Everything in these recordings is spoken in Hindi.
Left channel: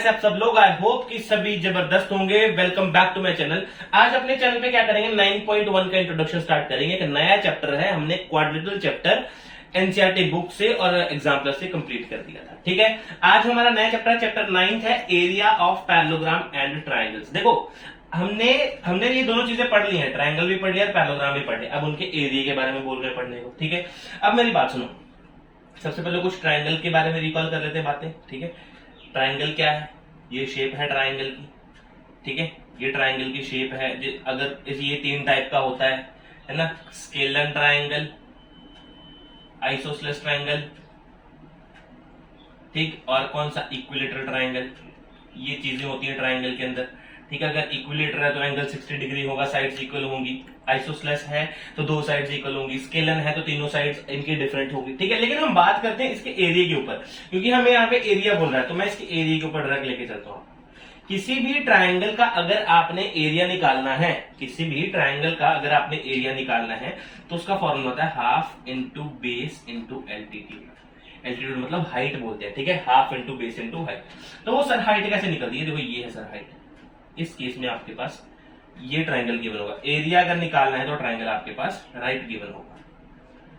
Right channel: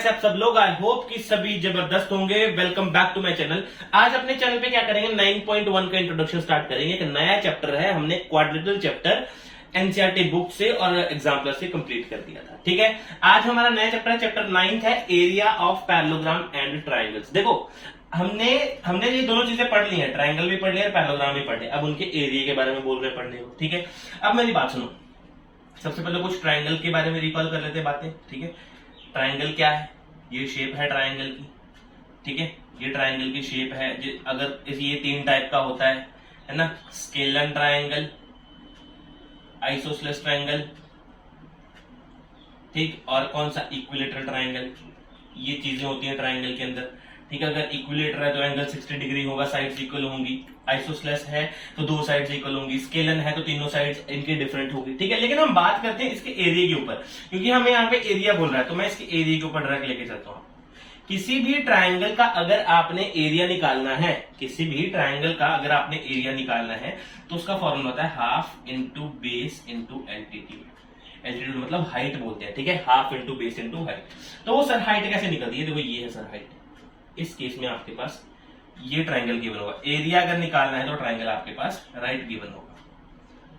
कैसे आप सब लोग। आई होप कि सभी जबरदस्त होंगे। Welcome back to my channel. आज अपने चैनल पे क्या करेंगे, 9.1 का इंट्रोडक्शन स्टार्ट करेंगे। एक नया चैप्टर है, हमने क्वाड्रेटल चैप्टर एनसीईआरटी बुक से और एग्जाम्पलर से कंप्लीट कर दिया था। ठीक है, आज हमारा नया चैप्टर चैप्टर 9 है, area of parallelogram and triangles. देखो हमने ये दोनों चीजें पढ़ ली हैं, ट्राइंगल भी पढ़ लिया और पैरेललोग्राम भी पढ़ लिया। अब उनके एरिया के बारे में बोल रहे पढ़ने को। ठीक है, अब मेरी बात सुनो। सबसे पहले कुछ ट्राइंगल के बारे में रिकॉल कर लेते हैं बातें। ठीक है, ट्राइंगल क्या है, ये शेप है ट्राइंगल की। ठीक है, ये ट्राइंगल की शेप है। अगर ये 3 टाइप का होता है ना, स्केलर ट्राइंगल, आइसोसेलेस ट्राइंगल, ठीक, और कौन सा, इक्विलेटरल ट्राइंगल। ये चीजें होती हैं ट्राइंगल के अंदर। ठीक है, अगर इक्विलेटर है तो एंगल 60 डिग्री होगा, साइड्स इक्वल होंगी। आइसोसेलेस है तो 2 साइड्स इक्वल होंगी। स्केलर है तो तीनों साइड्स इनकी डिफरेंट होगी। ठीक है, लेकिन हम बात करते हैं इसके एरिया के ऊपर, क्योंकि हमें यहाँ पे एरिया बोल रहा है, तो मैं इसके एरिया के ऊपर डायरेक्ट लेके चलता हूँ। किसी भी ट्राइंगल का अगर आपने एरिया निकालना है, किसी भी ट्राइंगल का अगर आपने एरिया निकालना है तो उसका फॉर्मूला होता है half into base into altitude. Altitude मतलब हाइट बोलते हैं। ठीक है, half into base into height. तो वो सर हाइट कैसे निकलती है, देखो ये है सर हाइट। इस केस में आपके पास ये ट्राइंगल गिवन होगा। एरिया अगर निकालना है तो ट्राइंगल आपके पास राइट गिवन होगा।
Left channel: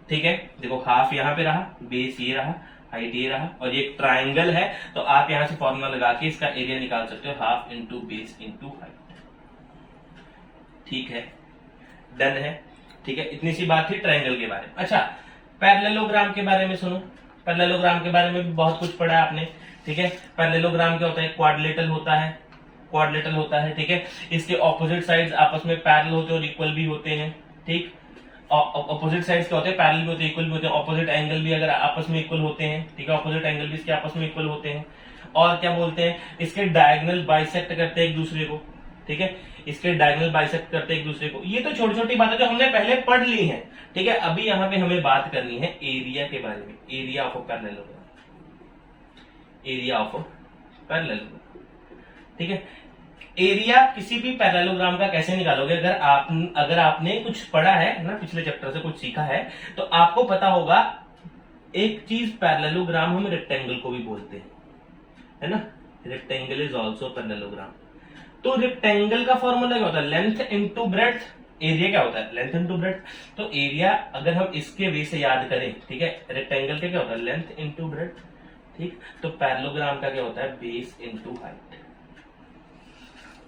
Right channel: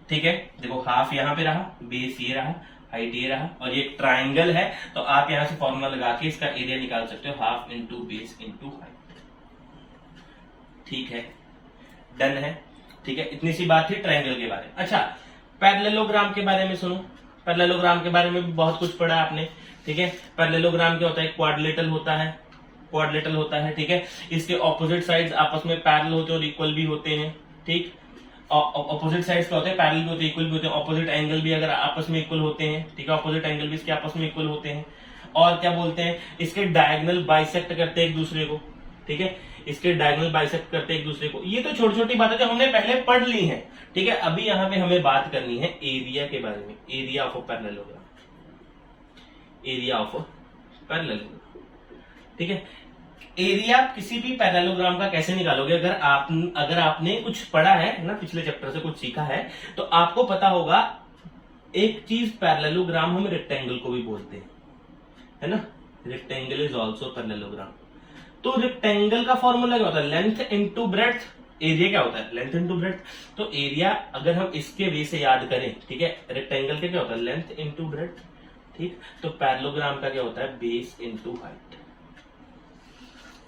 ठीक है, देखो हाफ यहां पे रहा, बेस ये रहा, हाइट ये रहा, और ये ट्राइंगल है तो आप यहां से फॉर्मूला लगा के इसका एरिया निकाल सकते हो, half into base into height. ठीक है, डन है। ठीक है, इतनी सी बात थी ट्राइंगल के बारे में। अच्छा, पैरेललोग्राम के बारे में सुनो। पैरेललोग्राम के बारे में भी बहुत कुछ पढ़ा है आपने। ठीक है, पैरेललोग्राम क्या होता है, क्वाड्रिलेटरल होता है, क्वाड्रिलेटरल होता है। ठीक है, इसके ऑपोजिट साइड्स आपस में पैरेलल होते हैं और इक्वल भी होते हैं। ठीक, ऑपोजिट साइड्स क्या होते हैं, पैरेलल भी होते हैं, इक्वल भी होते हैं। ऑपोजिट एंगल भी अगर आपस में इक्वल होते हैं, ठीक है, ऑपोजिट एंगल भी इसके आपस में इक्वल होते हैं। और क्या बोलते हैं, इसके डायगोनल बाइसेक्ट करते हैं एक दूसरे को। ठीक है, इसके डायगोनल बाइसेक्ट करते हैं एक दूसरे को। ये तो छोटी छोटी बातें जो हमने पहले पढ़ ली हैं। ठीक है, अभी यहाँ पे हमें बात करनी है एरिया के बारे में, area of parallelogram, area of parallelogram. ठीक है, एरिया किसी भी पैरेललोग्राम का कैसे निकालोगे, अगर आपने कुछ पढ़ा है ना, पिछले चैप्टर से कुछ सीखा है, तो आपको पता होगा एक चीज, पैरेललोग्राम हम रेक्टेंगल को भी बोलते हैं, है ना। Rectangle is also parallelogram. तो रेक्टेंगल का फॉर्मूला क्या होता है, लेंथ इंटू ब्रेड्थ। एरिया क्या होता है, लेंथ इंटू ब्रेड्थ। तो एरिया अगर हम इसके वे से याद करें, ठीक है, रेक्टेंगल का क्या होता है, लेंथ इंटू ब्रेड्थ। ठीक, तो पैरेललोग्राम का क्या होता है, बेस इंटू हाइट।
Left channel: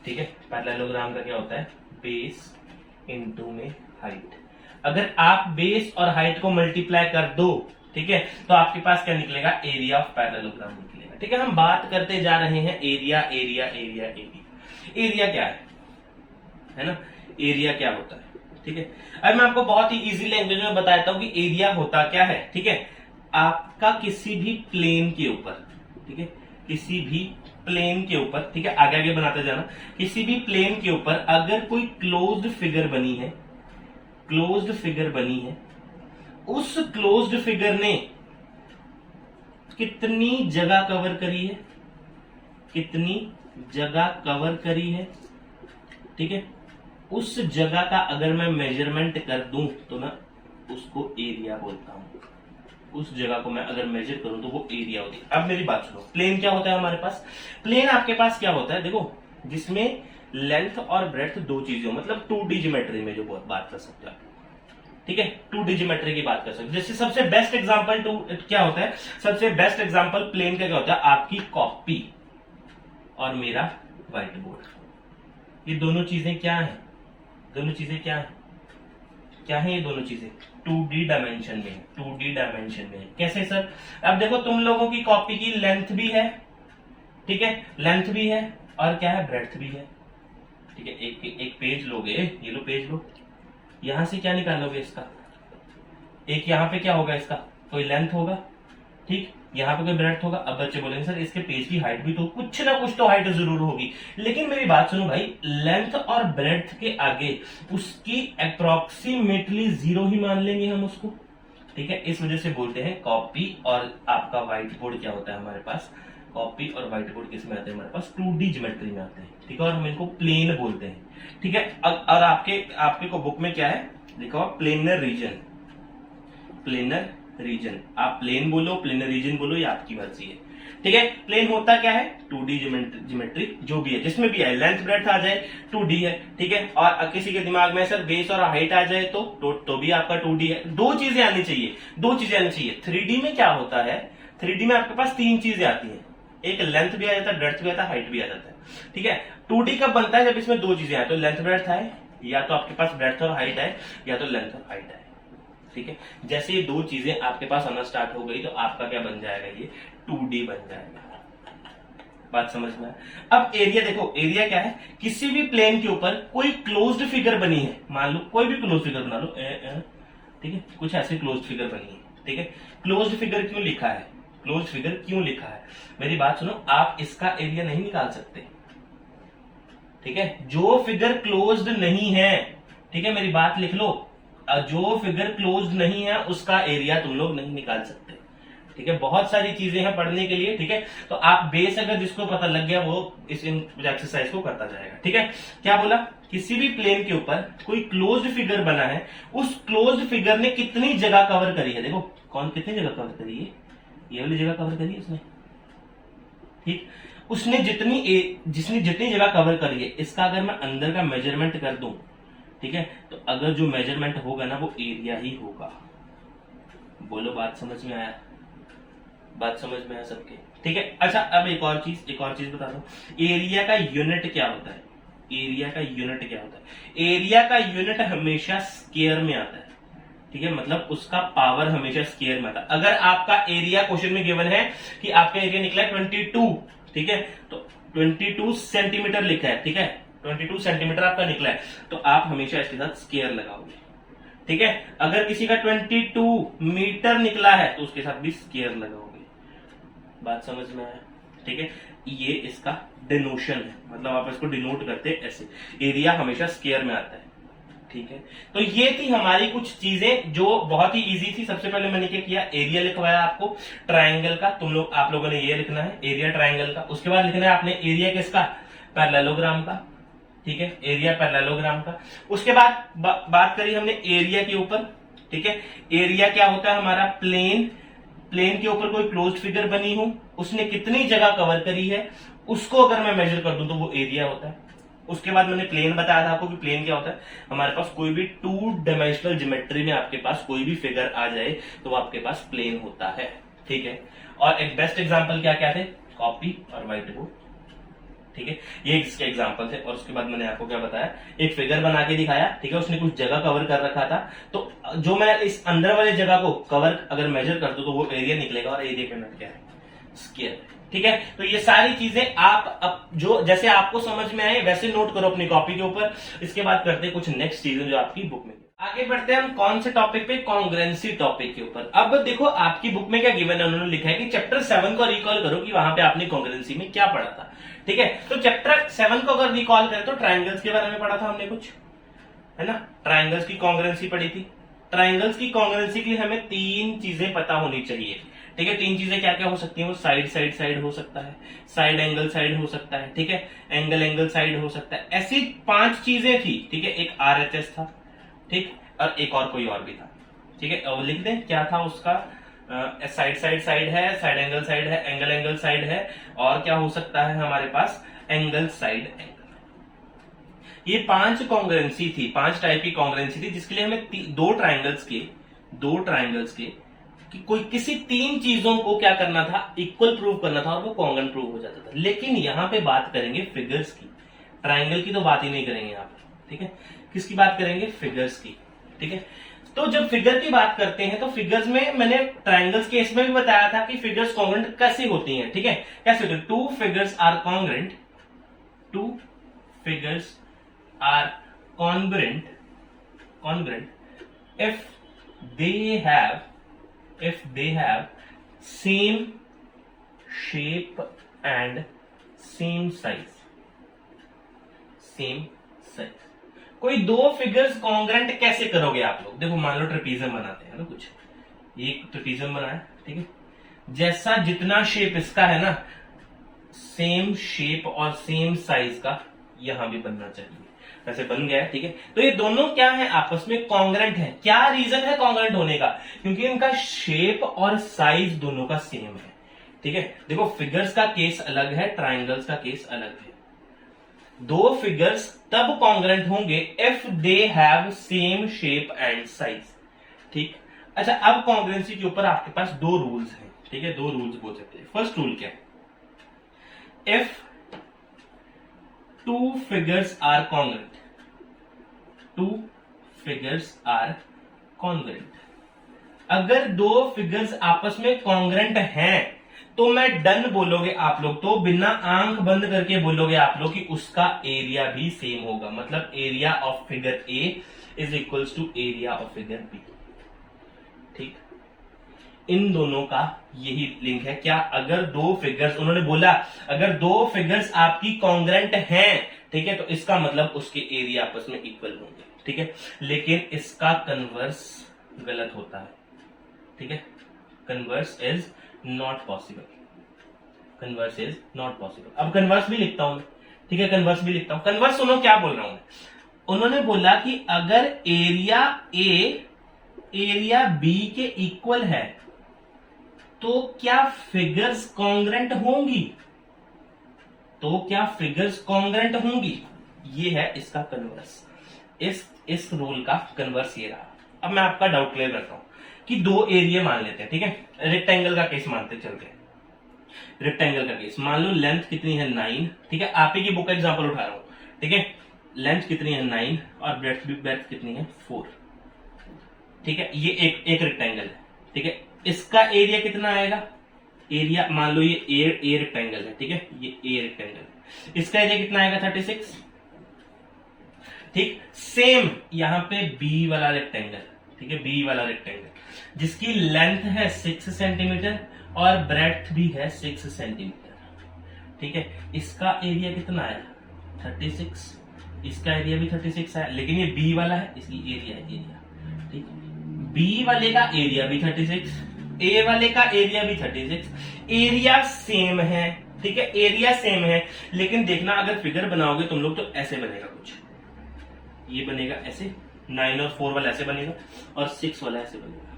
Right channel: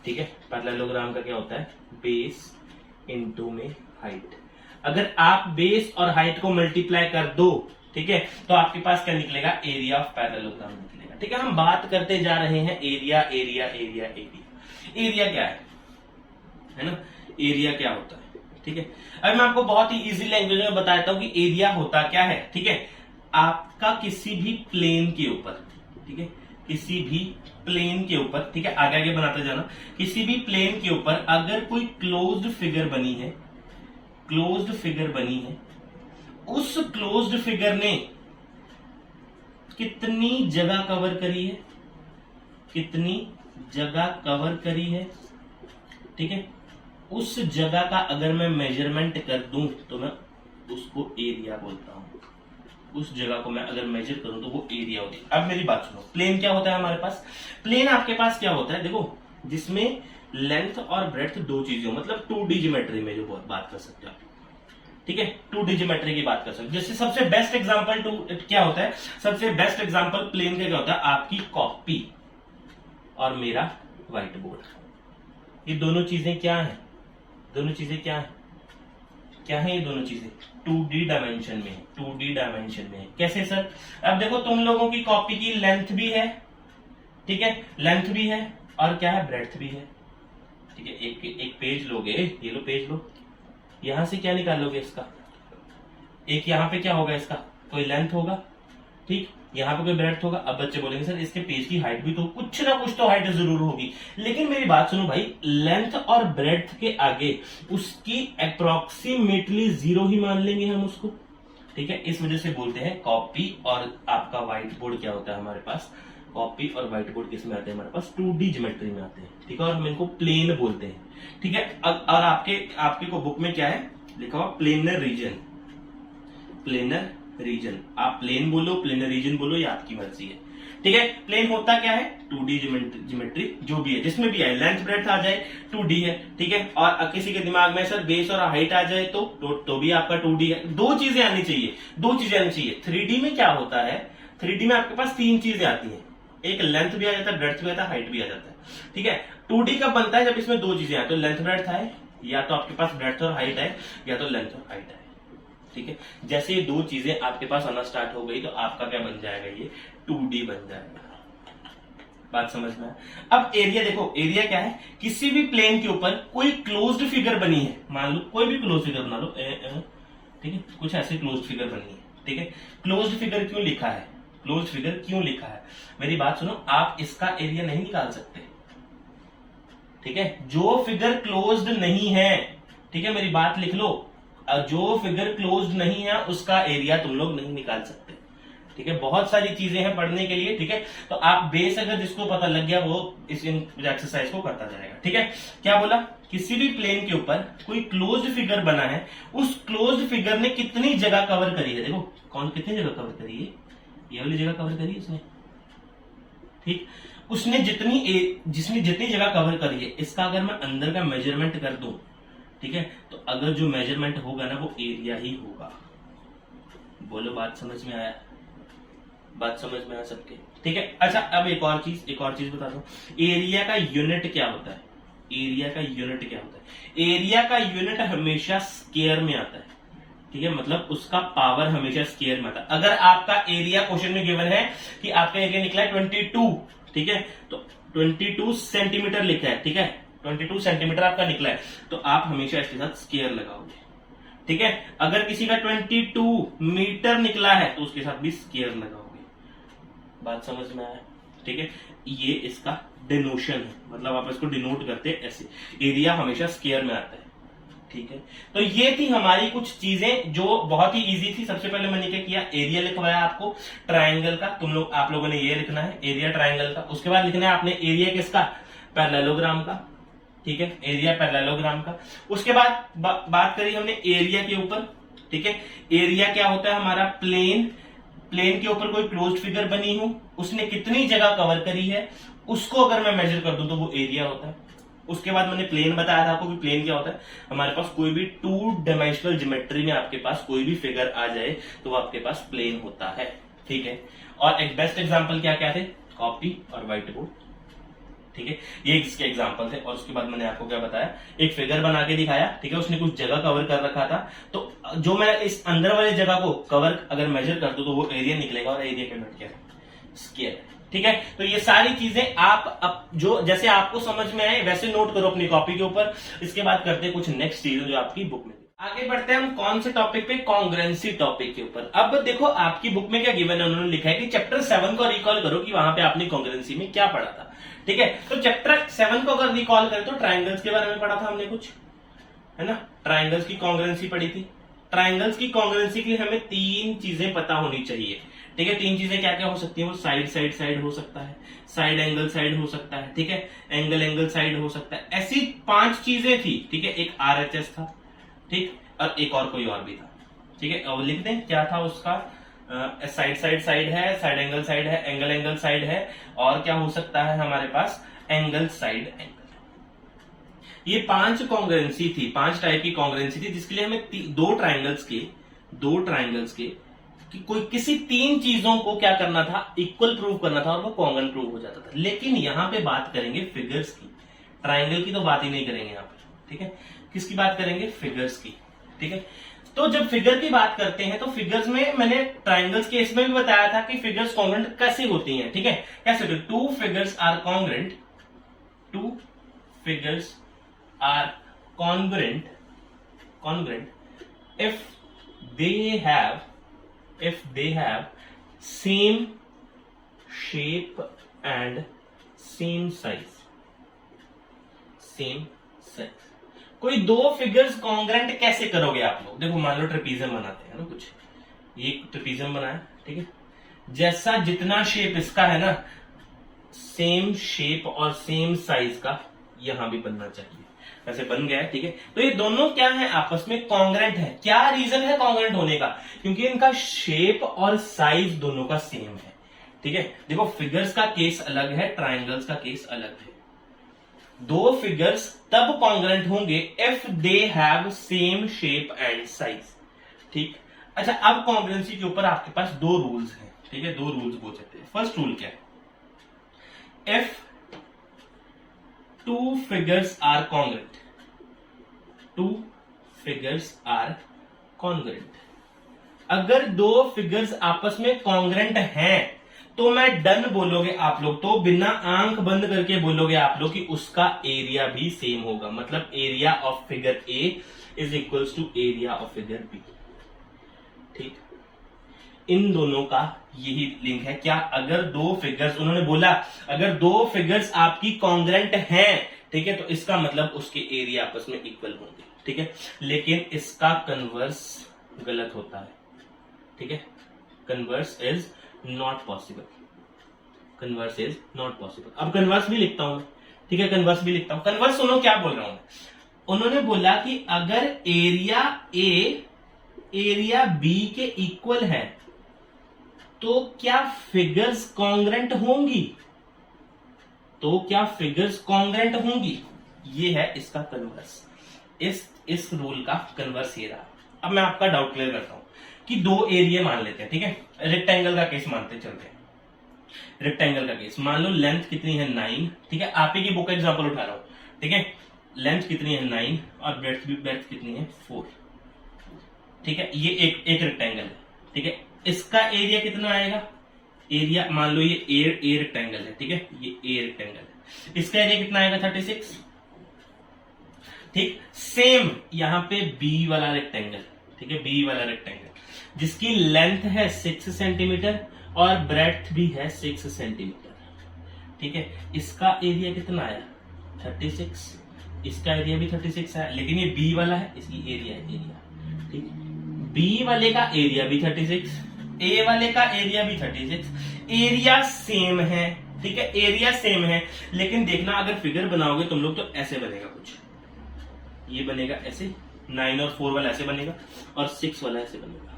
ठीक है, पैरेललोग्राम का क्या होता है, बेस इंटू में हाइट। अगर आप बेस और हाइट को मल्टीप्लाई कर दो, ठीक है, तो आपके पास क्या निकलेगा, एरिया ऑफ पैरेललोग्राम निकलेगा। ठीक है, हम बात करते जा रहे हैं area, area, area, area. Area क्या है ना, एरिया क्या होता है। ठीक है, अब मैं आपको बहुत ही इजी लैंग्वेज में बताता हूं कि एरिया होता क्या है। ठीक है, आपका किसी भी प्लेन के ऊपर, ठीक है, किसी भी प्लेन के ऊपर, ठीक है, आगे आगे बनाते जाना, किसी भी प्लेन के ऊपर अगर कोई क्लोज्ड फिगर बनी है, क्लोज्ड फिगर बनी है, उस क्लोज्ड फिगर ने कितनी जगह कवर करी है, कितनी जगह कवर करी है, ठीक है, उस जगह का अगर मैं मेजरमेंट कर दूं तो ना उसको एरिया बोलता हूं। उस जगह को मैं अगर मेजर करूं तो वो एरिया होती है। अब मेरी बात सुनो, प्लेन क्या होता है हमारे पास, प्लेन आपके पास क्या होता है, देखो जिसमें लेंथ और ब्रेड्थ 2 चीजें हो, मतलब 2D ज्योमेट्री में जो बात कर सकते हो आप। ठीक है, 2D ज्योमेट्री की बात कर सकते हो। जैसे सबसे बेस्ट एग्जांपल क्या होता है, सबसे बेस्ट एग्जांपल प्लेन का क्या होता है, आपकी कॉपी और मेरा व्हाइट बोर्ड। ये दोनों चीजें क्या है, दोनों चीजें क्या है, क्या है ये दोनों चीजें, 2D डायमेंशन में है, 2D डायमेंशन में है। कैसे सर, अब देखो तुम लोगों की कॉपी की लेंथ भी है, ठीक है, लेंथ भी है और क्या है, ब्रेड्थ भी है। ठीक है, एक पेज लोगे, ये लो पेज लो, यहां से क्या निकालोगे इसका, एक यहां पे क्या होगा, इसका कोई लेंथ होगा, ठीक, यहाँ पे कोई ब्रेड्थ होगा। अब बच्चे बोलेंगे सर इसके पेज की हाइट भी तो कुछ ना कुछ तो हाइट जरूर होगी, लेकिन मेरी बात सुनो भाई, लेंथ और ब्रेड्थ के आगे उसकी अप्रोक्सीमेटली 0 ही मान लेंगे हम उसको। ठीक है, इस वजह से बोलते हैं कॉपी और आपका व्हाइट बोर्ड क्या होता है हमारे पास, कॉपी और व्हाइट बोर्ड किस में आते हैं, हमारे पास 2D ज्योमेट्री में आते हैं। ठीक है, और हम इनको प्लेन बोलते हैं। ठीक है, और आपके को बुक में क्या है लिखा हुआ, प्लेनर रीजन, प्लेनर रीजन। आप प्लेन बोलो, प्लेनर रीजन बोलो, ये आपकी मर्जी है। ठीक है। प्लेन होता क्या है, 2D ज्योमेट्री जो भी है, जिसमें भी है, लेंथ ब्रेड्थ आ जाए 2D है, ठीक है। और किसी के दिमाग में सर बेस और हाइट आ जाए तो भी आपका 2D है। दो चीजें आनी चाहिए, दो चीजें आनी चाहिए। 3D में क्या होता है, 3D में आपके पास तीन चीजें आती हैं, एक लेंथ भी आ जाता है, ब्रेड्थ भी आता है, हाइट भी आ जाता है, ठीक है। 2D कब बनता है, जब इसमें दो चीजें आए, तो लेंथ ब्रेड्थ है, या तो आपके पास ब्रेड्थ और हाइट है, या तो लेंथ और हाइट है, ठीक है। जैसे ये दो चीजें आपके पास आना स्टार्ट हो गई तो आपका क्या बन जाएगा, ये 2D बन जाएगा। बात समझ में आए। अब एरिया देखो, एरिया क्या है, किसी भी प्लेन के ऊपर कोई क्लोज्ड फिगर बनी है, मान लो कोई भी क्लोज फिगर बना लो, ठीक है, कुछ ऐसी क्लोज्ड फिगर बनी है, ठीक है। क्लोज्ड फिगर क्यों लिखा है, क्लोज्ड फिगर क्यों लिखा है, मेरी बात सुनो, आप इसका एरिया नहीं निकाल सकते, ठीक है। जो फिगर क्लोज्ड नहीं है, ठीक है, मेरी बात लिख लो, जो फिगर क्लोज्ड नहीं है उसका एरिया तुम लोग नहीं निकाल सकते, ठीक है। बहुत सारी चीजें हैं पढ़ने के लिए, ठीक है। तो आप बेस अगर जिसको पता लग गया वो इस एक्सरसाइज को करता जाएगा, ठीक है। क्या बोला, किसी भी प्लेन के ऊपर कोई क्लोज्ड फिगर बना है, उस क्लोज्ड फिगर ने कितनी जगह कवर करी है, देखो कौन कितनी जगह कवर करी है, ये वाली जगह कवर करी है उसने, ठीक। उसने जिसने जितनी जगह कवर करी है, इसका अगर मैं अंदर का मेजरमेंट कर दूं, ठीक है, तो अगर जो मेजरमेंट होगा ना वो एरिया ही होगा। बोलो बात समझ में आया, बात समझ में आया सबके, ठीक है। अच्छा अब एक और चीज बता दो, एरिया का यूनिट क्या होता है, एरिया का यूनिट क्या होता है, एरिया का यूनिट हमेशा स्क्वायर में आता है, ठीक है, मतलब उसका पावर हमेशा स्क्वायर में आता है। अगर आपका एरिया क्वेश्चन में गिवन है कि आपका एरिया निकला है 22, ठीक है, तो 22 सेंटीमीटर लिखा है, ठीक है, 22 सेंटीमीटर आपका निकला है, तो आप हमेशा इसके साथ स्क्वायर लगाओगे, ठीक है। अगर किसी का 22 मीटर निकला है तो उसके साथ भी स्क्वायर लगाओगे। बात समझ में आया, ठीक है। ये इसका डिनोशन है, मतलब आप इसको डिनोट करते हैं ऐसे, एरिया हमेशा स्क्वायर में आता है, ठीक है। तो ये थी हमारी कुछ चीजें जो बहुत ही इजी थी। सबसे पहले मैंने क्या किया, एरिया लिखवाया आपको ट्राइंगल का, आप लोगों ने ये लिखना है एरिया ट्राइंगल का। उसके बाद लिखना है आपने एरिया किसका, पैरेललोग्राम का, ठीक है, एरिया पैरेललोग्राम का। उसके बाद बात करी हमने एरिया के ऊपर, ठीक है। एरिया क्या होता है हमारा, प्लेन के ऊपर कोई क्लोज्ड फिगर बनी हो, उसने कितनी जगह कवर करी है, उसको अगर मैं मेजर कर दूं तो वो एरिया होता है। उसके बाद मैंने प्लेन बताया था आपको कि प्लेन क्या होता है, हमारे पास कोई भी 2 डायमेंशनल ज्योमेट्री में आपके पास कोई भी फिगर आ जाए तो वो आपके पास प्लेन होता है, ठीक है। और एक बेस्ट एग्जांपल क्या क्या थे, कॉपी और व्हाइट बोर्ड, ठीक है, ये इसके एग्जांपल थे। और उसके बाद मैंने आपको क्या बताया, एक फिगर बना के दिखाया, ठीक है, उसने कुछ जगह कवर कर रखा था, तो जो मैं इस अंदर वाले जगह को कवर अगर मेजर कर दूं तो वो एरिया निकलेगा, और एरिया का यूनिट क्या है, स्क्वायर, ठीक है। तो ये सारी चीजें आप जो जैसे आपको समझ में आए वैसे नोट करो अपनी कॉपी के ऊपर। इसके बाद करते हैं कुछ नेक्स्ट चीजें जो आपकी बुक में। आगे बढ़ते हैं हम कौन से टॉपिक पे, कॉन्ग्रुएंसी टॉपिक के ऊपर। अब देखो आपकी बुक में क्या गिवन है, उन्होंने लिखा है कि चैप्टर 7 को रिकॉल करो कि वहां पे आपने कॉन्ग्रुएंसी में क्या पढ़ा था, ठीक है। तो चैप्टर 7 को अगर रिकॉल करें तो ट्राइंगल्स के बारे में पढ़ा था हमने कुछ, है ना, ट्राइंगल्स की कॉन्ग्रुएंसी पढ़ी थी। ट्राइंगल्स की कॉन्ग्रुएंसी की हमें 3 चीजें पता होनी चाहिए, ठीक है। 3 चीजें क्या क्या हो सकती हैं, वो साइड हो सकता है, साइड एंगल साइड हो सकता है, ठीक है, एंगल साइड हो सकता है, ऐसी 5 चीजें थी, ठीक है। एक RHS था, ठीक, और एक और कोई और भी था, ठीक है। अब लिख दें क्या था उसका, साइड है, साइड है, एंगल साइड है, और क्या हो सकता है हमारे पास, एंगल साइड एंगल। ये 5 कॉन्ग्रुएंसी थी, 5 टाइप की कॉन्ग्रुएंसी थी, जिसके लिए हमें दो ट्राइंगल्स के कि कोई किसी 3 चीजों को क्या करना था, इक्वल प्रूव करना था, और वो कॉन्ग्रुएंट प्रूव हो जाता था। लेकिन यहां पे बात करेंगे फिगर्स की, ट्राइंगल की तो बात ही नहीं करेंगे यहां पर, ठीक है। किसकी बात करेंगे, फिगर्स की, ठीक है। तो जब फिगर की बात करते हैं तो फिगर्स में मैंने ट्राइंगल्स के इसमें भी बताया था कि फिगर्स कॉन्ग्रुएंट कैसी होती हैं, ठीक है। कैसे होती है, 2 figures are congruent, 2 figures are congruent if they have same shape and same size। कोई 2 फिगर्स कॉन्ग्रुएंट कैसे करोगे आप लोग, देखो मान लो ट्रेपीजियम बनाते हैं ना, कुछ ये ट्रेपीजियम बनाया, ठीक है, जैसा जितना शेप इसका है ना, सेम शेप और सेम साइज का यहां भी बनना चाहिए, वैसे बन गया है, ठीक है। तो ये दोनों क्या है, आपस में कॉन्ग्रुएंट है। क्या रीजन है कॉन्ग्रुएंट होने का, क्योंकि इनका शेप और साइज दोनों का सेम है, ठीक है, देखो फिगर्स का केस अलग है, ट्राइंगल्स का केस अलग है। दो फिगर्स तब कॉन्ग्रेंट होंगे if they have same shape and size. ठीक, अच्छा अब कॉन्ग्रेंसी के ऊपर आपके पास दो रूल्स हैं। ठीक है, दो रूल्स बोल सकते हैं। फर्स्ट रूल क्या है? If two figures are congruent, two figures are congruent, अगर दो फिगर्स आपस में कॉन्ग्रेंट हैं तो मैं डन बोलोगे आप लोग, तो बिना आंख बंद करके बोलोगे आप लोग कि उसका एरिया भी सेम होगा। मतलब area of figure A is equals to area of figure B. ठीक, इन दोनों का यही लिंक है। क्या? अगर दो फिगर्स, उन्होंने बोला अगर दो फिगर्स आपकी कॉन्ग्रेंट हैं, ठीक है, तो इसका मतलब उसके एरिया आपस में इक्वल होंगे। ठीक है, लेकिन इसका कन्वर्स गलत होता है। ठीक है, converse is not possible, converse is not possible. अब कन्वर्स भी लिखता हूं मैं। ठीक है, कन्वर्स भी लिखता हूं। कन्वर्स सुनो क्या बोल रहा हूं मैं। उन्होंने बोला कि अगर एरिया ए एरिया बी के इक्वल है तो क्या फिगर्स कॉन्ग्रेंट होंगी? तो क्या फिगर्स कॉन्ग्रेंट होंगी? ये है इसका कन्वर्स। इस रूल का कन्वर्स ये रहा। अब मैं आपका डाउट क्लियर करता हूं कि दो एरिया मान लेते हैं। ठीक है, रेक्टेंगल का केस मानते चलते हैं। रेक्टेंगल का केस मान लो, लेंथ कितनी है 9। ठीक है, आप ही की बुक का एग्जांपल उठा रहा हूं। ठीक है, लेंथ कितनी है 9 और ब्रेड्थ कितनी है 4। ठीक है, ये एक रेक्टेंगल है। ठीक है, इसका एरिया कितना आएगा? एरिया मान लो ये ए रेक्टेंगल है। ठीक है, ये ए रेक्टेंगल है, इसका एरिया कितना आएगा? 36। ठीक, सेम यहां पे बी वाला रेक्टेंगल। ठीक है, बी वाला रेक्टेंगल जिसकी लेंथ है 6 सेंटीमीटर और ब्रेड्थ भी है 6 सेंटीमीटर। ठीक है, इसका एरिया कितना आया? 36। इसका एरिया भी 36 है, लेकिन ये बी वाला है, इसकी एरिया है एरिया। ठीक, बी वाले का एरिया भी 36, ए वाले का एरिया भी 36, एरिया सेम है। ठीक है, एरिया सेम है, लेकिन देखना अगर फिगर बनाओगे तुम लोग तो ऐसे बनेगा कुछ, ये बनेगा ऐसे, 9 और 4 वाला ऐसे बनेगा और 6 वाला ऐसे बनेगा।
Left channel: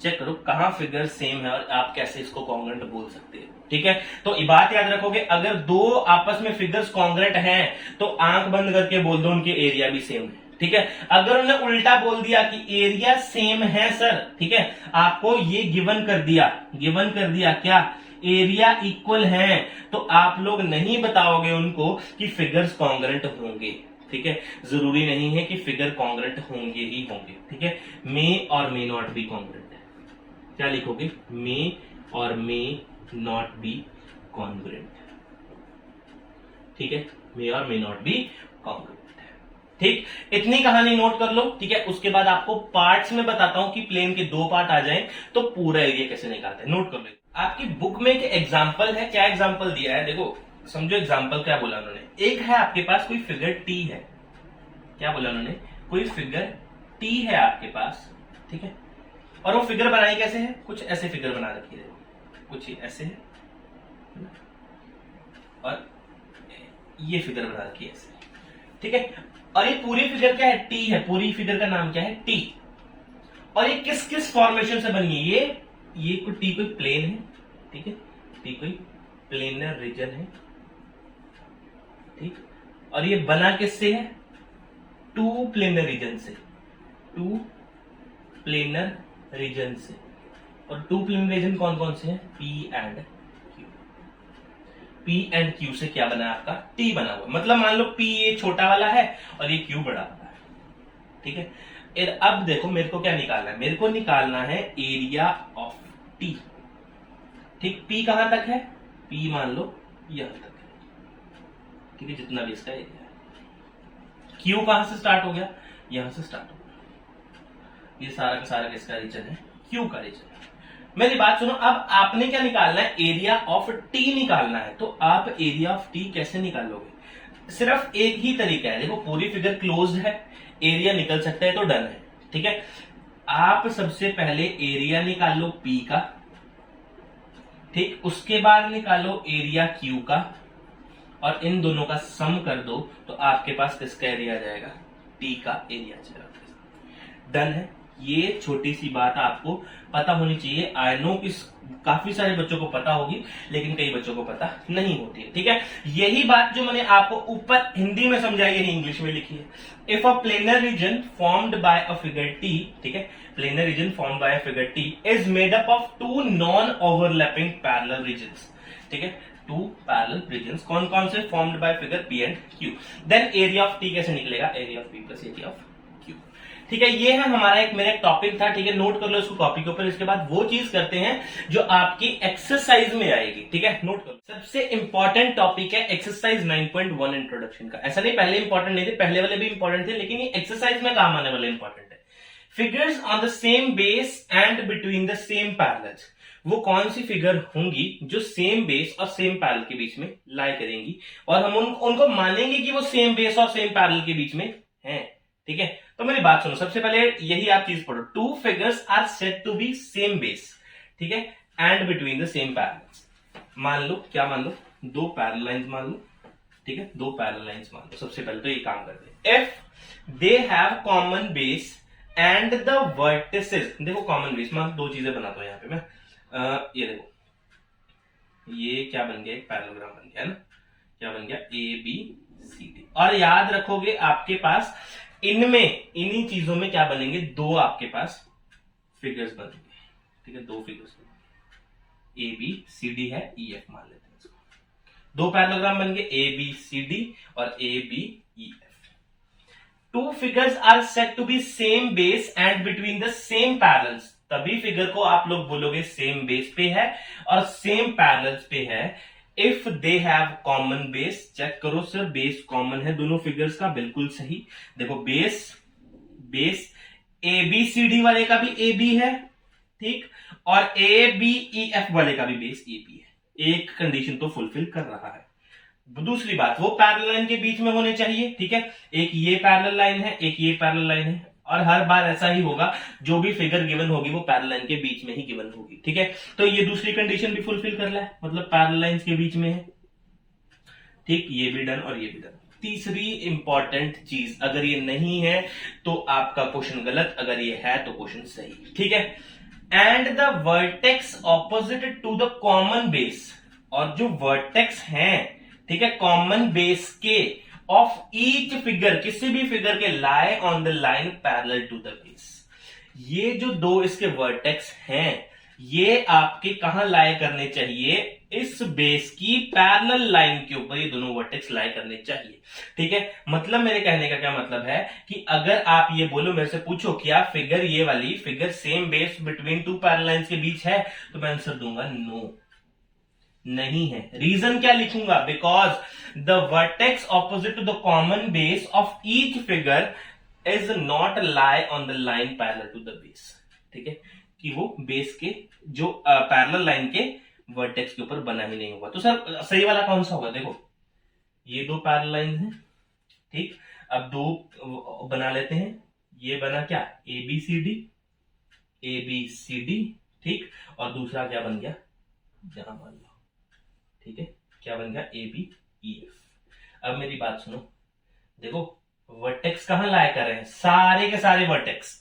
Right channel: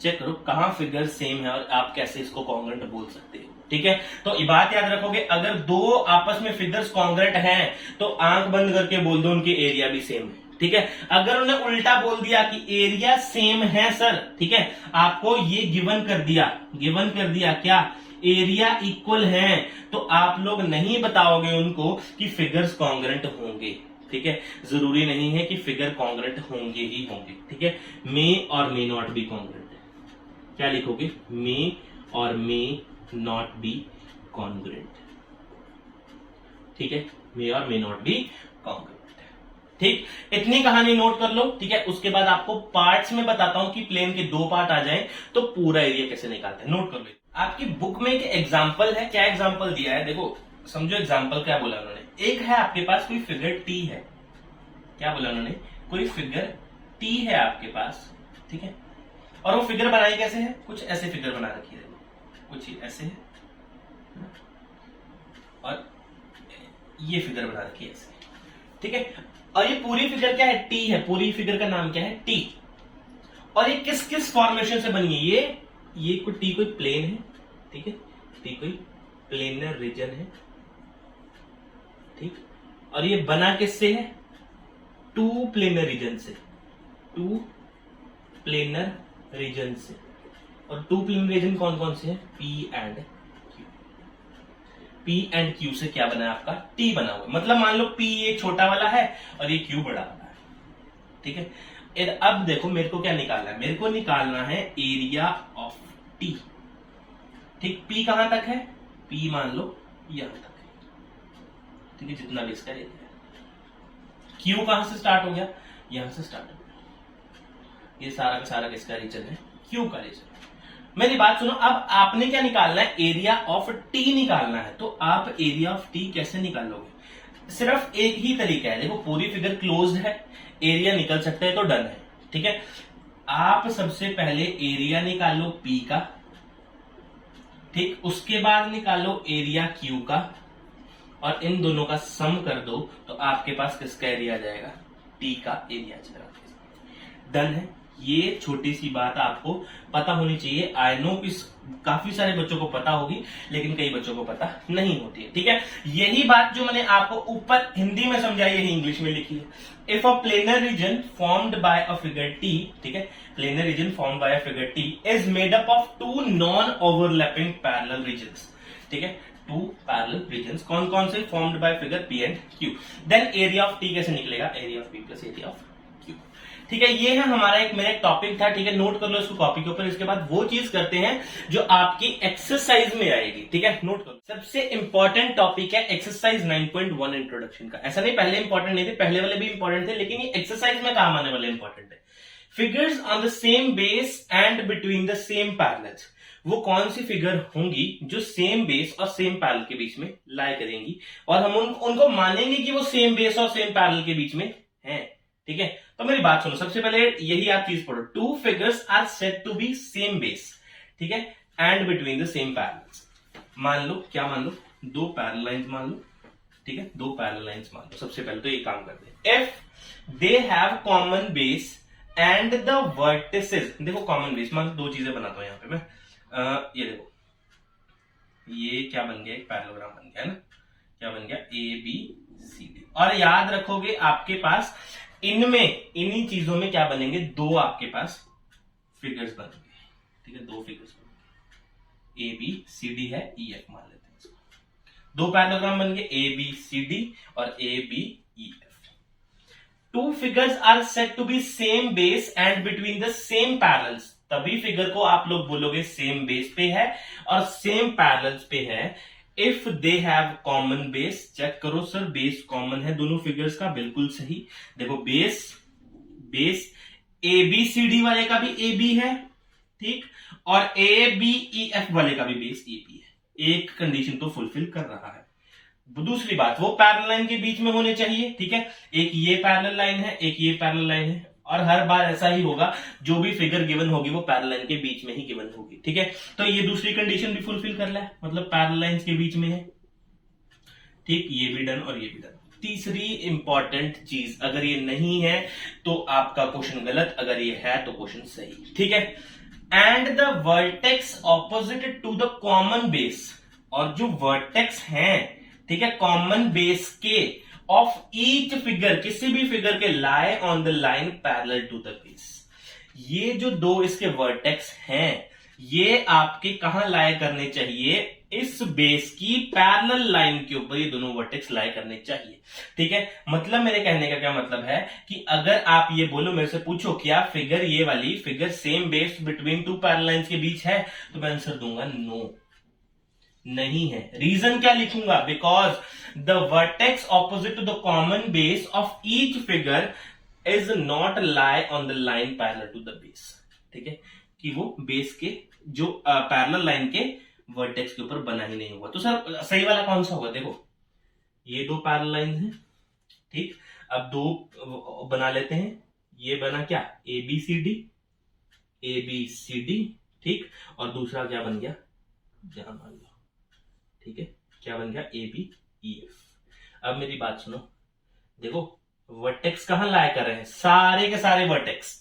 चेक करो कहां फिगर सेम है और आप कैसे इसको कॉन्ग्रेंट बोल सकते हो। ठीक है, तो ये बात याद रखोगे, अगर दो आपस में फिगर्स कॉन्ग्रेंट हैं तो आंख बंद करके बोल दो उनके एरिया भी सेम है। ठीक है, अगर उन्होंने उल्टा बोल दिया कि एरिया सेम है सर, ठीक है, आपको ये गिवन कर दिया क्या? एरिया इक्वल है, तो आप लोग नहीं बताओगे उनको कि फिगर्स कॉन्ग्रेंट होंगे। ठीक है, जरूरी नहीं है कि फिगर कॉन्ग्रेंट होंगे ही होंगे। ठीक है, मे और मे नॉट बी कॉन्ग्रेंट है। क्या लिखोगे? मे और मे नॉट बी कॉन्ग्रेंट। ठीक है, मे और मे नॉट बी कॉन्ग्रेंट। ठीक, इतनी कहानी नोट कर लो। ठीक है, उसके बाद आपको पार्ट्स में बताता हूं कि प्लेन के दो पार्ट आ जाएं तो पूरा एरिया कैसे निकालते हैं। नोट कर लो। आपकी बुक में एक एग्जांपल है। क्या एग्जांपल दिया है? देखो समझो एग्जांपल क्या बोला उन्होंने। एक है आपके पास कोई फिगर टी है। क्या बोला उन्होंने? कोई फिगर टी है आपके पास। ठीक है, और वो फिगर बनाई कैसे है? कुछ ऐसे फिगर बना रखी है, कुछ ऐसे है और ये फिगर बना रखी है ऐसे। ठीक है, और ये पूरी फिगर क्या है? टी है। पूरी फिगर का नाम क्या है? टी। और ये किस किस फॉर्मेशन से बनी है? ये कोई टी कोई प्लेन है। ठीक है, टी कोई प्लेनर रीजन है। ठीक, और ये बना किससे है? टू प्लेनर रीजन से, टू प्लेनर रीजन से। और टू प्लेनर रीजन कौन कौन से हैं? P and Q. P and Q से क्या बना है आपका? टी बना हुआ। मतलब मान लो पी ये छोटा वाला है और ये क्यू बड़ा वाला है। ठीक है, अब देखो मेरे को क्या निकालना है? मेरे को निकालना है एरिया ऑफ टी। ठीक, पी कहां तक है? पी मान लो यहां तक है। ठीक है, जितना भी इसका एरिया है। क्यू कहां से स्टार्ट हो गया? यहां से स्टार्ट हो गया। ये सारा का सारा किसका रीजन है? क्यू का रीजन है। मेरी बात सुनो, अब आपने क्या निकालना है? एरिया ऑफ टी निकालना है। तो आप एरिया ऑफ टी कैसे निकालोगे? सिर्फ एक ही तरीका है। देखो पूरी फिगर क्लोज्ड है, एरिया निकल सकता है तो डन है। ठीक है, आप सबसे पहले एरिया निकालो पी का। ठीक, उसके बाद निकालो एरिया क्यू का और इन दोनों का सम कर दो तो आपके पास किसका एरिया आ जाएगा? टी का एरिया आ जाएगा। डन है। ये छोटी सी बात आपको पता होनी चाहिए। आई नो इस काफी सारे बच्चों को पता होगी, लेकिन कई बच्चों को पता नहीं होती है, ठीक है। यही बात जो मैंने आपको ऊपर हिंदी में समझाई है इंग्लिश में लिखी है। If a planar region formed by a figure T, ठीक है, planar region formed by a figure T is made up of two non overlapping parallel regions, ठीक है, टू पैरेलल रीजन्स। कौन कौन से? Formed by figure P and Q. Then area of T कैसे निकलेगा? Area of P plus area of Q, ठीक है। ये है हमारा एक मेरा टॉपिक था, ठीक है, नोट कर लो इसको कॉपी के ऊपर। इसके बाद वो चीज करते हैं जो आपकी एक्सरसाइज में आएगी, ठीक है, नोट करो। सबसे इंपॉर्टेंट टॉपिक है एक्सरसाइज 9.1 इंट्रोडक्शन का। ऐसा नहीं पहले इंपॉर्टेंट नहीं थे, पहले वाले भी इंपॉर्टेंट थे, लेकिन ये एक्सरसाइज में काम आने वाले इंपॉर्टेंट है। Figures on the same base and between the same parallels. वो कौन सी फिगर होंगी जो सेम बेस और सेम पैरेलल के बीच में लाई करेंगी, और हम उनको मानेंगे कि वो सेम बेस और सेम पैरेलल के बीच में हैं, ठीक है। तो मेरी बात सुनो, सबसे पहले यही आप चीज पढ़ो। Two figures are said to be same base, ठीक है, and between the same parallels. मान लो, क्या मान लो? दो पैरेलल लाइंस मान लो, ठीक है, दो पैरेलल लाइंस मान लो। सबसे पहले तो ये काम करते हैं। If they have common base and the vertices, देखो कॉमन बेस, मान दो चीजें बनाता हूं यहां पे मैं। ये देखो, ये क्या बन गया? एक पैरेललोग्राम बन गया ना, क्या बन गया? A B C D. और याद रखोगे आपके पास इनमें, इन्हीं चीजों में क्या बनेंगे? दो आपके पास फिगर्स बनेंगे, ठीक है, दो फिगर्स बनेंगे। ए बी सी डी है, ई एफ मान लेते हैं इसको। दो पैरेललोग्राम बन गए, ए बी सी डी और A B E F. Two figures are said to be same base and between the same parallels. तभी फिगर को आप लोग बोलोगे सेम बेस पे है और सेम पैरेलल्स पे है। If they have common base, check करो सर, बेस कॉमन है दोनों फिगर्स का, बिल्कुल सही। देखो base, base A B C D वाले का भी ए बी है, ठीक, और ए बी ई एफ वाले का भी बेस ए बी है। एक कंडीशन तो फुलफिल कर रहा है। दूसरी बात, वो पैरेलल लाइन के बीच में होने चाहिए, ठीक है। एक ये पैरेलल लाइन है, एक ये पैरेलल लाइन है, और हर बार ऐसा ही होगा, जो भी फिगर गिवन होगी वो पैरेलल लाइन के बीच में ही गिवन होगी, ठीक है। तो ये दूसरी कंडीशन भी फुलफिल कर रहा है, मतलब पैरेलल लाइंस के बीच में है, ठीक, ये भी डन और ये भी डन। तीसरी इंपॉर्टेंट चीज, अगर ये नहीं है तो आपका क्वेश्चन गलत, अगर ये है तो क्वेश्चन सही, ठीक है। And the vertex opposite to the common base, और जो वर्टेक्स हैं, ठीक है, कॉमन बेस के ऑफ ईच फिगर, किसी भी फिगर के lie on the line parallel to the base. ये जो दो इसके वर्टेक्स हैं, ये आपके कहां लाई करने चाहिए? इस बेस की पैरेलल लाइन के ऊपर ये दोनों वर्टेक्स लाई करने चाहिए, ठीक है। मतलब मेरे कहने का क्या मतलब है कि अगर आप ये बोलो, मेरे से पूछो क्या फिगर, ये वाली figure same base between two parallel lines के बीच है, तो मैं आंसर दूंगा नो, नहीं है। रीजन क्या लिखूंगा? Because the vertex opposite to the common base of each figure is not lie on the line parallel to the base, ठीक है, कि वो बेस के जो पैरेलल लाइन के वर्टेक्स के ऊपर बना ही नहीं हुआ। तो सर सही वाला कौन सा होगा? देखो ये दो पैरेलल लाइन है, ठीक, अब दो बना लेते हैं। ये बना क्या? A B C D, A B C D, ठीक, और दूसरा क्या बन गया? जहां मान लो, ठीक है, क्या बन गया? A B E F. अब मेरी बात सुनो, देखो वर्टेक्स कहां लाए कर रहे हैं? सारे के सारे वर्टेक्स,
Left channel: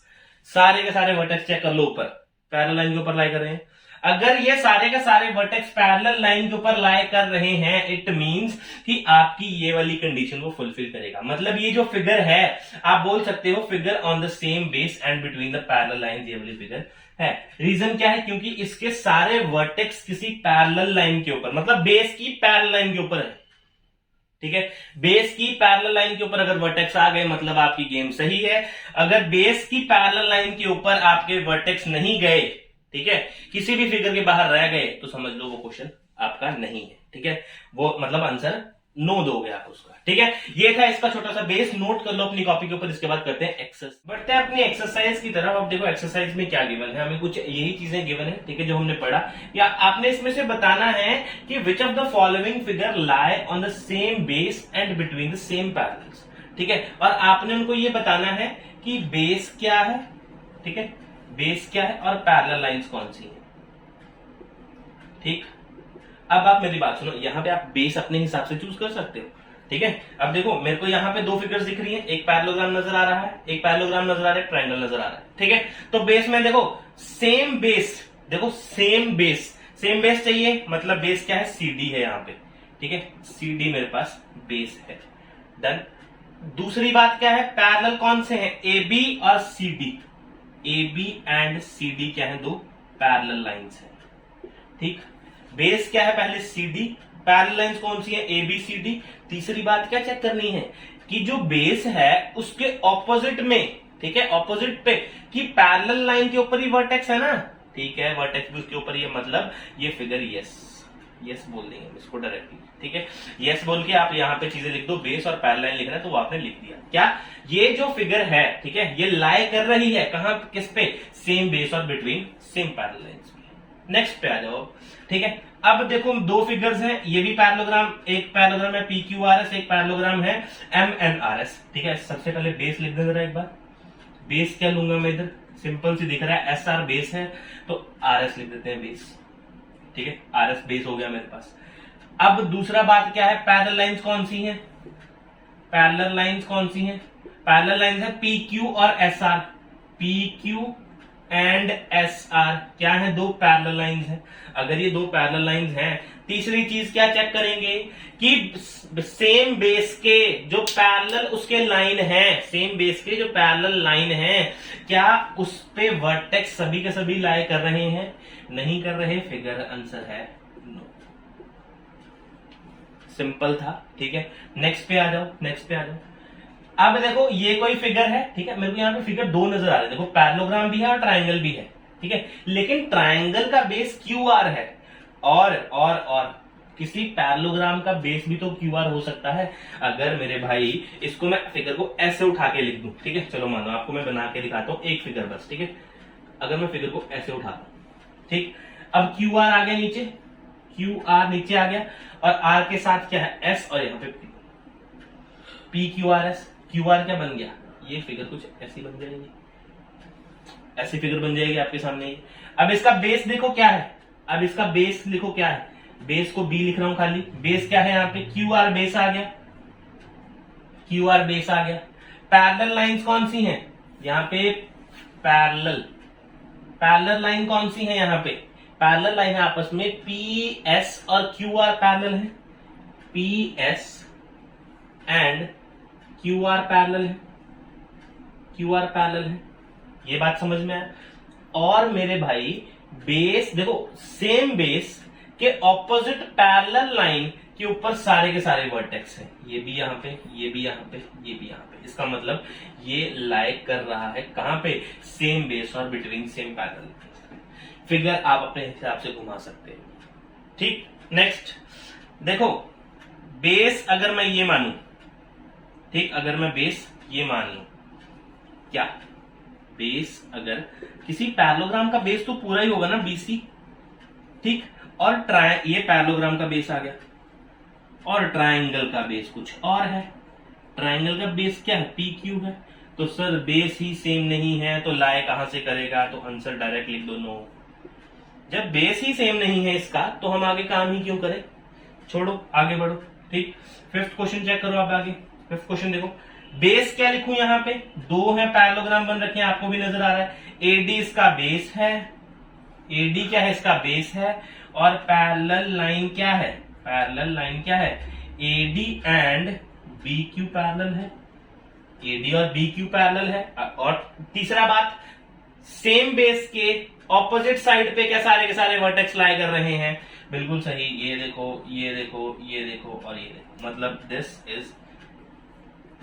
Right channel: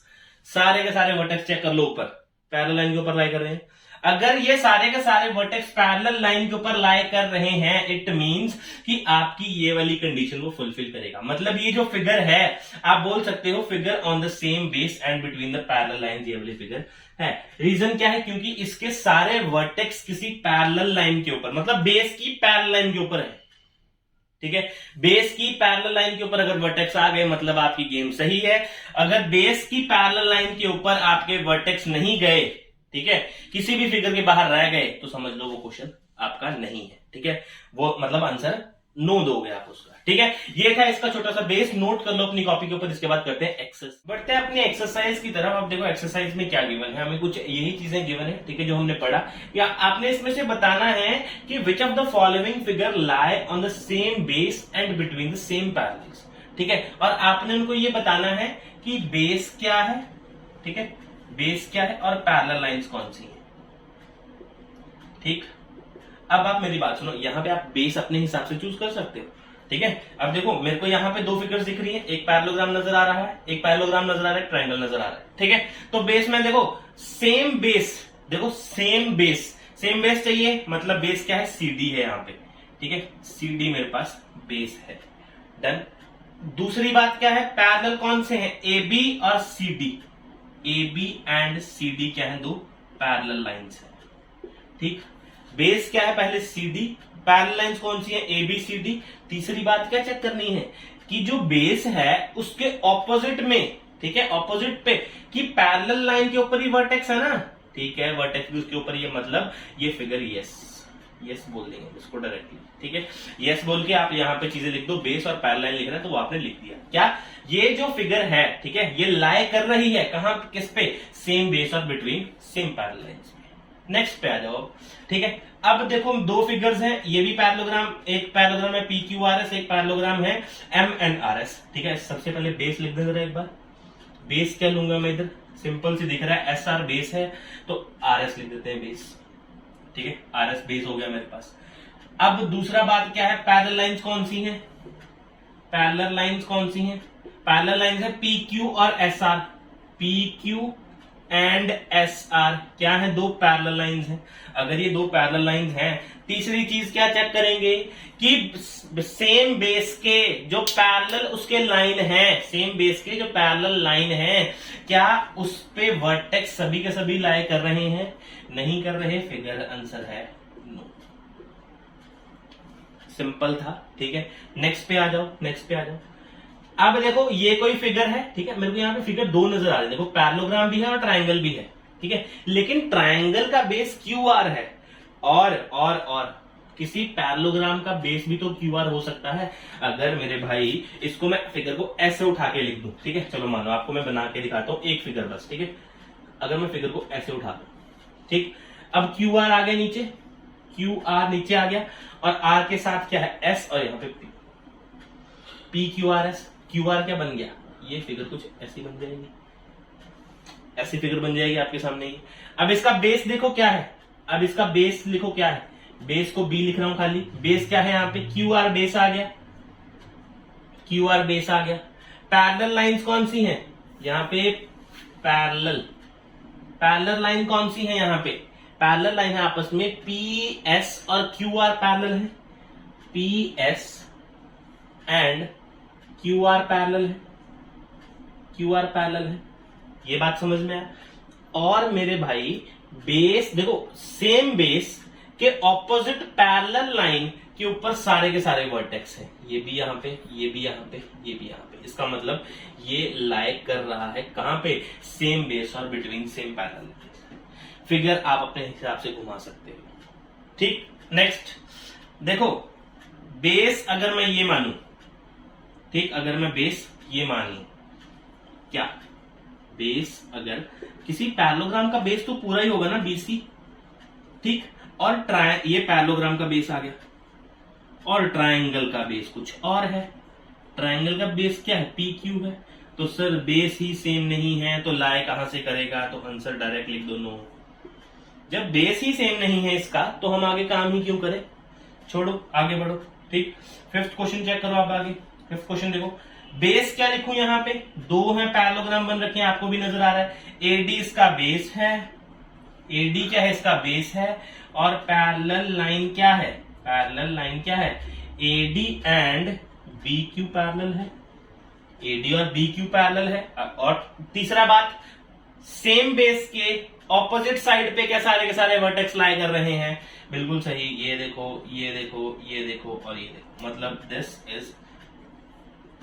सारे के सारे वर्टेक्स चेक कर लो, ऊपर पैरेलल लाइन के ऊपर लाई कर रहे हैं। अगर ये सारे के सारे वर्टेक्स पैरेलल लाइन के ऊपर लाई कर रहे हैं, इट मींस कि आपकी ये वाली कंडीशन वो फुलफिल करेगा। मतलब ये जो फिगर है, आप बोल सकते हो figure on the same base and between the parallel lines, ये वाली फिगर है। रीजन क्या है? क्योंकि इसके सारे वर्टेक्स किसी पैरेलल लाइन के ऊपर, मतलब बेस की पैरेलल लाइन के ऊपर है, ठीक है। बेस की पैरेलल लाइन के ऊपर अगर वर्टेक्स आ गए, मतलब आपकी गेम सही है। अगर बेस की पैरेलल लाइन के ऊपर आपके वर्टेक्स नहीं गए, ठीक है, किसी भी फिगर के बाहर रह गए, तो समझ लो वो क्वेश्चन आपका नहीं है, ठीक है। वो मतलब आंसर नो दोगे आप उसका, ठीक है। ये था इसका छोटा सा बेस, नोट कर लो अपनी कॉपी के ऊपर। इसके बाद करते हैं एक्सरसाइज, बढ़ते हैं अपनी एक्सरसाइज की तरफ। अब देखो एक्सरसाइज में क्या गिवन है, हमें कुछ यही चीजें गिवन है, ठीक है, जो हमने पढ़ा। या आपने इसमें से बताना है कि which of the following figure lie on the same base and between the same parallels, ठीक है। और आपने उनको ये बताना है कि बेस क्या है, ठीक है, बेस क्या है और पैरेलल लाइंस कौन सी है, ठीक। अब आप मेरी बात सुनो, यहां पे आप बेस अपने हिसाब से चूज कर सकते हो, ठीक है। अब देखो मेरे को यहाँ पे दो फिगर्स दिख रही है, एक पैरेललोग्राम नजर आ रहा है, एक पैरेललोग्राम नजर आ रहा है, ट्रायंगल नजर आ रहा है, ठीक है। तो बेस में देखो सेम बेस, देखो सेम बेस चाहिए, मतलब बेस क्या है, CD है यहाँ पे, ठीक है, CD मेरे पास बेस है। डन। दूसरी बात क्या है, पैरेलल कौन से हैं, AB और CD, AB एंड CD क्या है, दो पैरेलल लाइंस है, ठीक। बेस क्या है पहले CD, पैरेलल लाइंस कौन सी है, ABCD। तीसरी बात क्या चेक करनी है कि जो बेस है उसके ऑपोजिट में, ठीक है, ऑपोजिट पे कि पैरेलल लाइन के ऊपर ही वर्टेक्स है ना, ठीक है, वर्टेक्स भी उसके ऊपर ही है, मतलब ये फिगर यस बोल देंगे इसको डायरेक्टली, ठीक है। यस बोल के आप यहाँ पे चीजें लिख दो, बेस और पैरेलल लाइन लिखना है तो वो आपने लिख दिया। क्या ये जो फिगर है, ठीक है, ये लाई कर रही है कहां, किस पे, सेम बेस और बिटवीन सेम पैरेलल लाइंस पे। नेक्स्ट पे आ जाओ, ठीक है। अब देखो दो फिगर्स हैं, ये भी पैरेललोग्राम, एक पैरेललोग्राम है PQRS, एक पैरेललोग्राम है MNRS, ठीक है। सबसे पहले बेस लिख देंगे एक बार, बेस क्या लूंगा मैं इधर, सिंपल सी दिख रहा है SR बेस है तो RS लिख देते हैं बेस, ठीक है, RS बेस हो गया मेरे पास। अब दूसरा बात क्या है, पैरेलल लाइंस कौन सी हैं, पैरेलल लाइंस कौन सी हैं, पैरेलल लाइंस है PQ और SR, PQ एंड SR क्या है, दो पैरेलल लाइंस हैं। अगर ये दो पैरेलल लाइंस हैं, तीसरी चीज क्या चेक करेंगे कि सेम बेस के जो पैरेलल उसके लाइन है, सेम बेस के जो पैरेलल लाइन है, क्या उस पे वर्टेक्स सभी के सभी लाई कर रहे हैं, नहीं कर रहे, फिगर आंसर है नो। सिंपल था, ठीक है। नेक्स्ट पे आ जाओ। अब देखो ये कोई फिगर है, ठीक है, मेरे को यहाँ पे फिगर दो नजर आ रहे हैं, देखो पैरेललोग्राम भी है और ट्रायंगल भी है, ठीक है, लेकिन ट्रायंगल का बेस QR है और किसी पैरेललोग्राम का बेस भी तो QR हो सकता है। अगर मेरे भाई इसको मैं फिगर को ऐसे उठा के लिख दूं, ठीक है, चलो मानो आपको मैं बना के दिखाता हूं एक फिगर बस, ठीक है। अगर मैं फिगर को ऐसे उठाता हूं, ठीक, अब QR आ गया नीचे, QR नीचे आ गया और R के साथ क्या है S और यहाँ पे PQRS, QR क्या बन गया, ये फिगर कुछ ऐसी बन जाएगी, ऐसी फिगर बन जाएगी आपके सामने ही। अब इसका बेस देखो क्या है, अब इसका बेस लिखो क्या है, बेस को B लिख रहा हूं खाली, बेस क्या है यहाँ पे QR बेस आ गया, QR बेस आ गया। पैरेलल लाइंस कौन सी हैं, यहाँ पे पैरेलल लाइन कौन सी है, यहाँ पे पैरेलल लाइन है आपस में PS और QR पैरेलल है, PS एंड QR पैरेलल है, QR पैरेलल है, ये बात समझ में आया। और मेरे भाई बेस देखो, सेम बेस के ऑपोजिट पैरेलल लाइन के ऊपर सारे के सारे वर्टेक्स हैं, ये भी यहाँ पे, ये भी यहाँ पे, ये भी यहाँ पे, इसका मतलब ये लाइक कर रहा है कहां पे, सेम बेस और बिटवीन सेम पैरेलल। फिगर आप अपने हिसाब से घुमा सकते हैं, ठीक। नेक्स्ट देखो, बेस अगर मैं ये मानूं, ठीक, अगर मैं बेस ये मान लूं, क्या बेस अगर किसी पैरेललोग्राम का बेस तो पूरा ही होगा ना BC, ठीक, और ये पैरेललोग्राम का बेस आ गया और ट्रायंगल का बेस कुछ और है, ट्रायंगल का बेस क्या है PQ है, तो सर बेस ही सेम नहीं है तो लाई कहां से करेगा, तो आंसर डायरेक्ट लिख दो नो। जब बेस ही सेम नहीं है इसका तो हम आगे काम ही क्यों करें, छोड़ो आगे बढ़ो, ठीक। फिफ्थ क्वेश्चन चेक करो आप आगे, फिफ्थ क्वेश्चन देखो, बेस क्या लिखूं, यहाँ पे दो है पैरेललोग्राम बन रखे हैं, आपको भी नजर आ रहा है, AD इसका बेस है, AD क्या है, इसका बेस है, और पैरेलल लाइन क्या है, पैरेलल लाइन क्या है, AD एंड BQ पैरेलल है, AD और BQ पैरेलल है। और तीसरा बात, सेम बेस के ऑपोजिट साइड पे क्या सारे के सारे वर्टेक्स लाई कर रहे हैं, बिल्कुल सही, ये देखो, ये देखो, ये देखो और ये देखो, मतलब दिस इज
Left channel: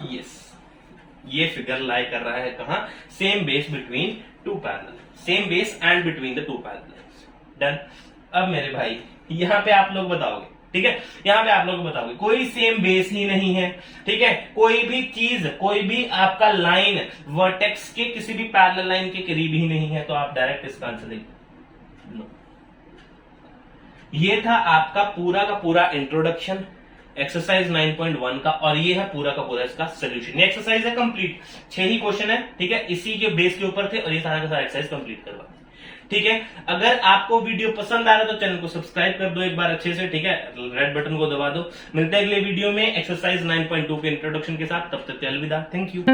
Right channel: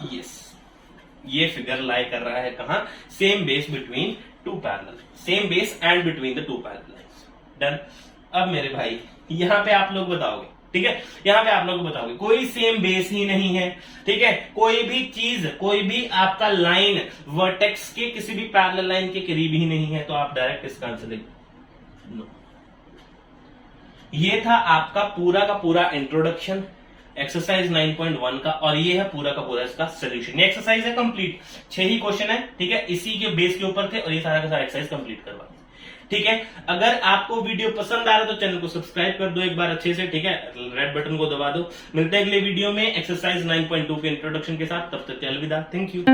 यस, ये फिगर लाई कर रहा है कहां, same base between two parallel, same base and between the two parallels. Done. अब मेरे भाई यहां पे आप लोग बताओगे, ठीक है, यहां पे आप लोग बताओगे कोई सेम बेस ही नहीं है, ठीक है, कोई भी चीज, कोई भी आपका लाइन वर्टेक्स के किसी भी पैरेलल लाइन के करीब ही नहीं है, तो आप डायरेक्ट इसका आंसर देंगे नो। ये था आपका पूरा का पूरा इंट्रोडक्शन एक्सरसाइज 9.1 का, और ये है पूरा का पूरा इसका सोल्यूशन। ये एक्सरसाइज है कंप्लीट, 6 ही क्वेश्चन है, ठीक है, इसी के बेस के ऊपर थे और ये सारा का सारा एक्सरसाइज कंप्लीट करवा। ठीक है, अगर आपको वीडियो पसंद आ रहा है तो चैनल को सब्सक्राइब कर दो एक बार अच्छे से, ठीक है, रेड बटन को दबा दो। मिलते हैं अगले वीडियो में एक्सरसाइज 9.2 के इंट्रोडक्शन के साथ, तब तक के अलविदा, थैंक यू।